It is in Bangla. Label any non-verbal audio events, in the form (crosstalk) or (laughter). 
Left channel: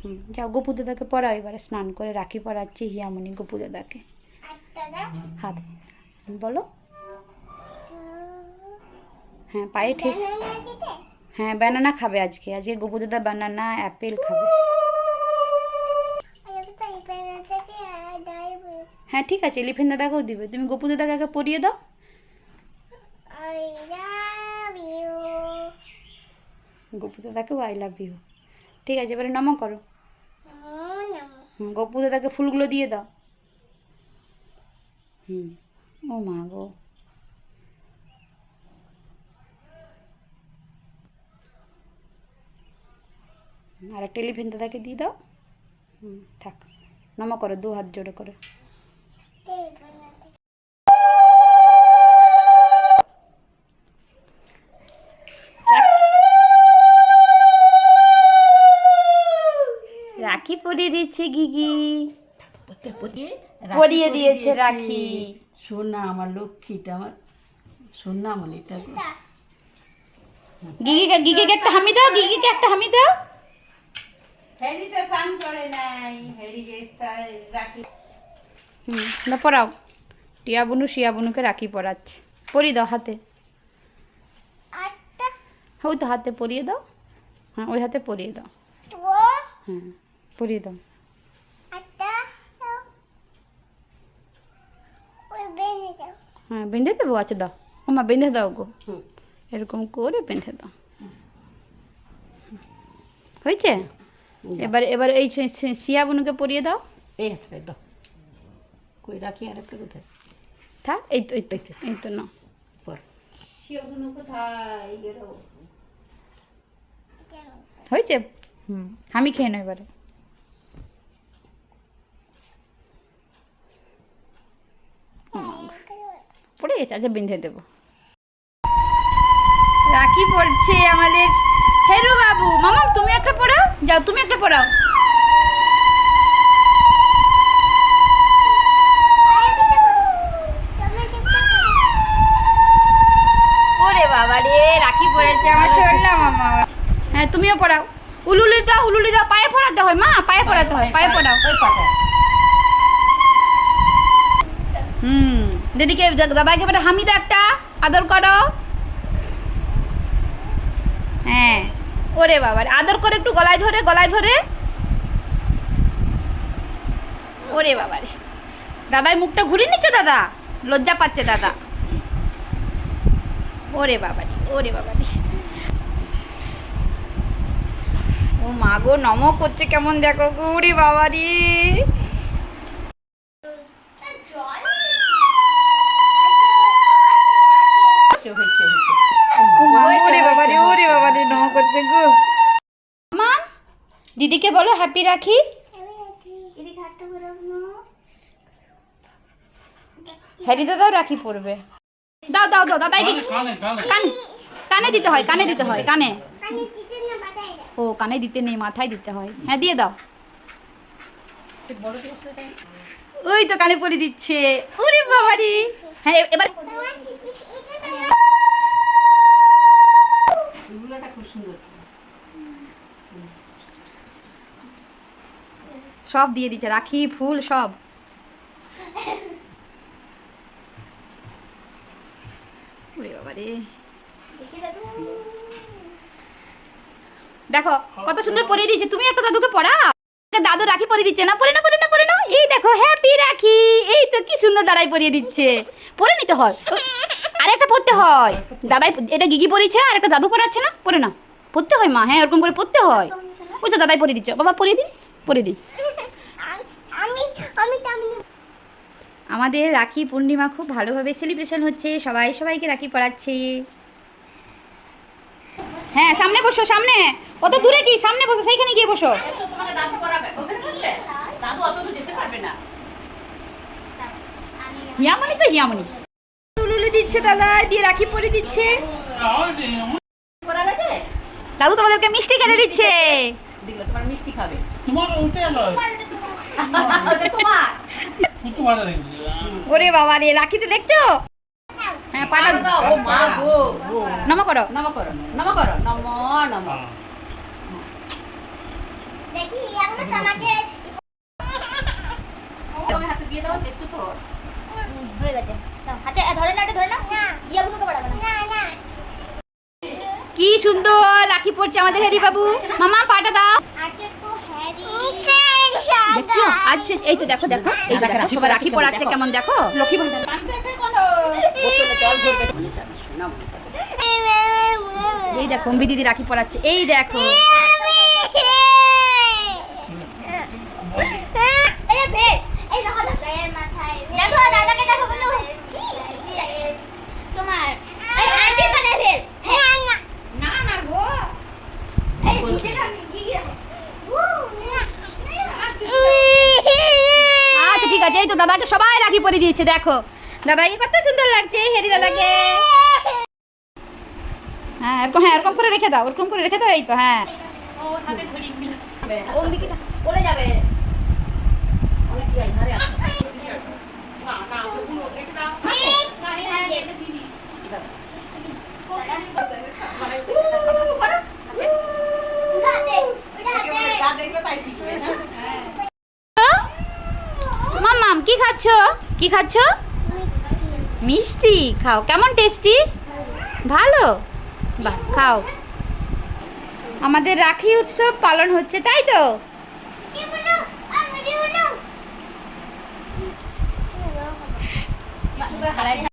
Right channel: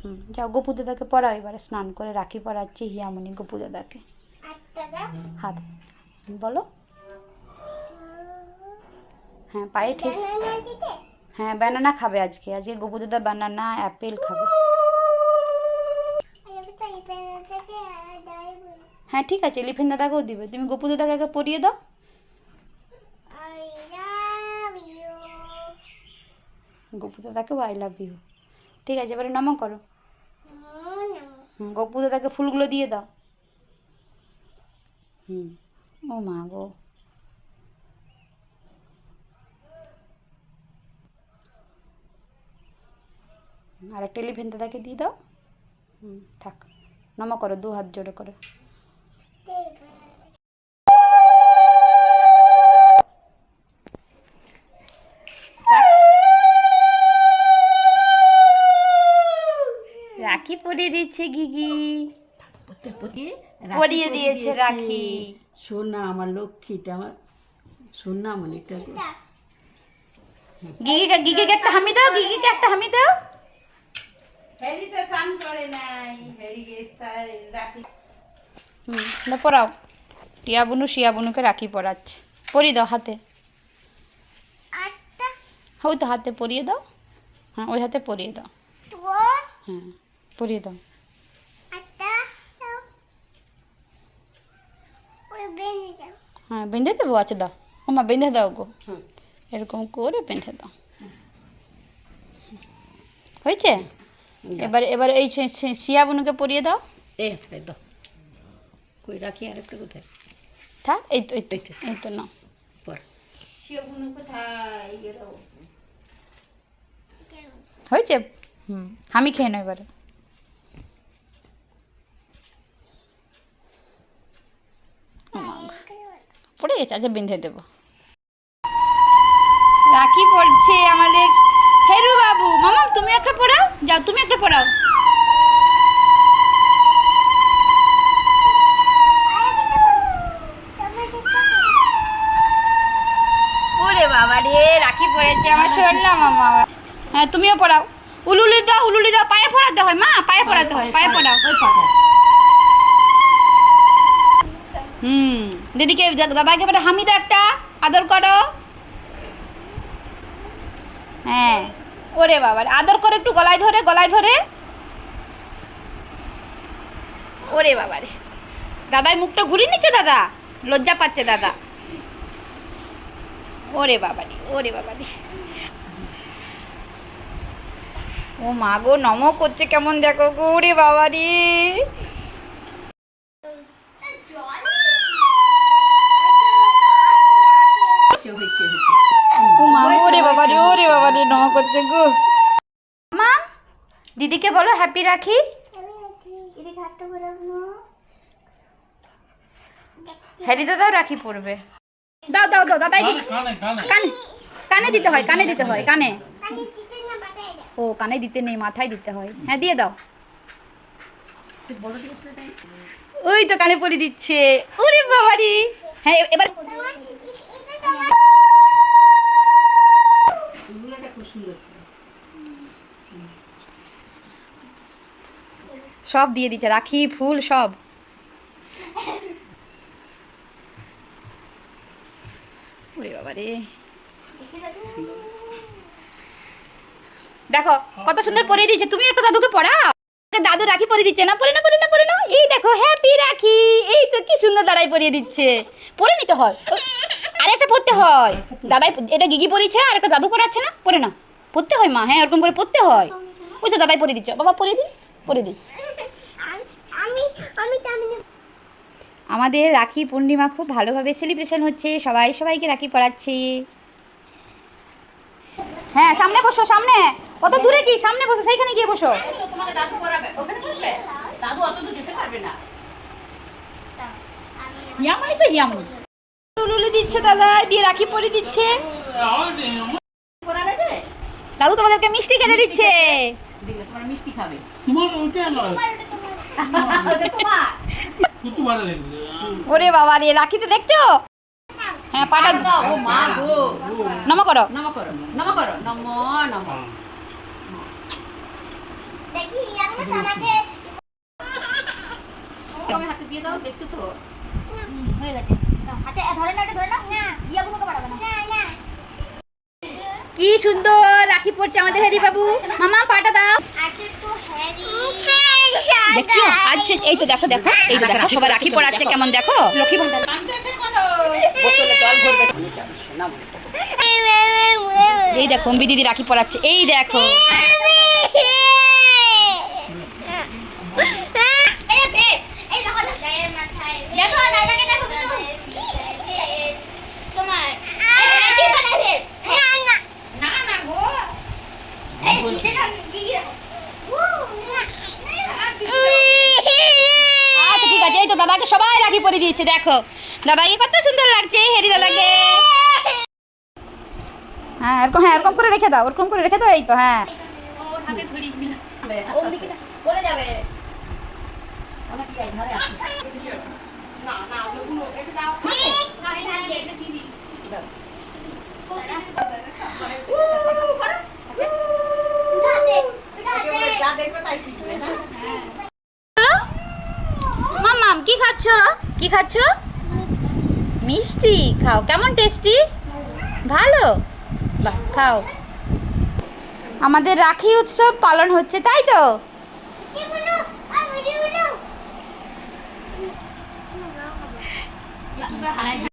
হুম যাও গপু দাদাকে পড়াও এবারে স্নান করে রাখি পড়াচ্ছি হিয়ামণি গপু দাদাকে। হাত বলো। হ্যাঁ পায়ে ঠিক হ্যাঁ ব্যানানা খাবে আজকে আজকে গপু দাদা ব্যানানা অ্যাপেল খাবে। হ্যাঁ ঠিক আছে এলিফেন্ট দাদাকেও দিবে। তুমি গপু দাদাকে আগে পরিয়ে দাও। গপু দাদাকেও আই লাভ ইউ ঠিক আছে, এবারে নম করো। গপু দাদাকে ফুলগুলো দিয়ে দাও। হুম, ও মা গো। আর একটা এলিফেন্ট দাদাকে দিয়ে দাও। হুম, থাক নম করো দু হাত জোড়ে করে। রাখি পরিয়ে দিচ্ছে গিগি। পরিয়ে দিয়েছে রাখি। সোনা আমার লক্ষ্মীটা আমার সোনা মনিটা গো। গিগিকে গিগিকে একটা হামি দাও গিগিকে একটা হামি দাও। হুম না পড়াও। টিয়া বুনু শিয়া বুনুকে রাখি পড়াচ্ছে পরিয়ে দাও হাতে। ওই তো হাতে পরিয়ে দাও। হ্যাঁ ওই হাতে পরিয়ে দাও। হ্যাঁ। পরিয়ে দাও হ্যাঁ বেঁধে দেবো আচ্ছা দাও ওমা বেঁধে দাও গো এরকম করে বেঁধে দাও হয়েছে এবার এবার এই শিয়া বুনুকে পরিয়ে দাও এই হাতে দাও কই রাখি আর একটা কোথায় থাক এই তো এই তো এই তো না পর হয়েছে হুম আমি খেয়ে নেব এবারে পড়ে গেছে আচ্ছা বেঁধে দেবো। রাখি পড়ছে আমাদের। হেরু বাবু মামা তুমি একটা পড়াও? যাও তুমি একটা পড়াও। ওরে বাবা রে রাখি পড়েছে আমার শোনলাম মামা। হ্যাঁ তুমিও পড়াও। উলুলি দাও উলুলি দাও পায়ে পড়াতে হয় মা পায়ে পড়াতে হয় পায়ে পড়াও। হুম। দিদিকে দাদাকে এবারে হামি একটা, আদর করো। হ্যাঁ। ওরে বাবা, আদর করে একটু গলায় ধরে গলায় ধরে। ওরে বাবা রে। দাদাই মুখটা ঘুরিয়ে নিচ্ছে দাদা? লজ্জা পাচ্ছে দাদা। ওরে বাবা রে, ওরে বাবা রে। ও মা গো, নম করছে কেমন দেখো গো, ওরে বাবা বাবা ওরে বাবা রে করছে গো। মা, দিদিকে বলো হ্যাপি রাখি। হ্যারি দাদাও রাখি পড়বে দাও দাও দাও, দাদাই দি- কানে কানে দিতে হয়, কানে দিতে হয়, কানে। ও, কানে দিতে নেই, মাথায় দিতে হয়। হ্যাঁ দিয়ে দাও। ওই তো কানে পরে দিচ্ছে। ওরে বাবারি। হ্যাঁ এবার সব দিয়ে দিচ্ছে, রাখি, ফুল, সব। দেখো, কত সুন্দর পরিয়ে দিয়েছে। তুমি একটা দাদুকে পড়াও। দাদু রাখি পরিয়ে দিচ্ছে না পরে না পরে না পরে না। এই দেখো হ্যাপি রাখি। এই তো কি সুন্দর দাদাই পরিয়ে দিচ্ছে। পরে নিতে হয়? পড়তে হয়। দাদাই এটা গিগি পরিয়েছে আর একটা দাদু পড়াচ্ছে না? পরে না। পড়তে হয় মা হ্যাঁ এরকম করে পড়তে হয়। ওই তো দাদাই পরিয়ে দিচ্ছ। বাবা পরিয়ে দিন পরিয়ে দিন আমাদের রাখি পূর্ণিমা খুব ভালোভাবে সেলিব্রেশন হচ্ছে। সবাই সবাইকে রাখি পড়াচ্ছে। হ্যাঁ সামনে বসো সামনে। অত দূরে কি? সামনে বসো সেইখানে গিয়ে বসো। এসো তোমাকে দাদু পড়াবে ওখানে বসবে দাদু অত দূর যেতে পারবে না। হিয়ামনি তো হিয়ামনি উলুলি দিচ্ছে দাদা দিয়ে রাখি পরে দিচ্ছে। দাদু তোমাদেরকে মিষ্টি খেতে দিচ্ছে। দিলে তোমার মিষ্টি খাবে। তোমার ওইটা নয় (laughs) ওরে বাবা রে রাখিতে দেখছ? হ্যাঁ পাটা দাও। ও মা গো। নম করো। নম করো নম করো নম নম। হাতে দিয়ে দাও দেখছ তো? হয়ে গেছে। হাতে ধরে না ধরে না দিয়া বুনুকে পড়াবো না কি সুন্দর রাখি পড়ছে আমাদের হ্যারি বাবু। মামা পাটা দাও। দেখছ? আজ এই তো দেখো দেখো এই তো দেখো সবাই রাখি পড়াচ্ছে কেমন দেখো? লক্ষ্মী ভান্ডার। বোতলে জল ভরবে এই দেখো দিদি রাখি পড়াচ্ছে। এই দেখো এই বে এই দেখো গায়ের মাথায় দেখো দাদাকে দেখো বুনু তোমার এই হ্যান্ডি বানাবে না না না গো এই দিতে না গিয়ে দেখো আচ্ছা ঠিক আছে এই তো দাদাকে সবাই রাখি পরে দিয়েছে দেখো দাদাকে কত সুন্দর লাগছে হেরি দাদাকে হ্যাঁ এরকম হ্যাঁ এরকম করে রেখে দাও ওরকম করে রেখে দাও এই তো হ্যাঁ অম্বিকা বলে খাচ্ছ? কি খাচ্ছ? মিষ্টি। খাও। কেমন টেস্টি ভালো। বাহ, খাও। আমাদের রাখি উৎসব পালন হচ্ছে, তাই তো?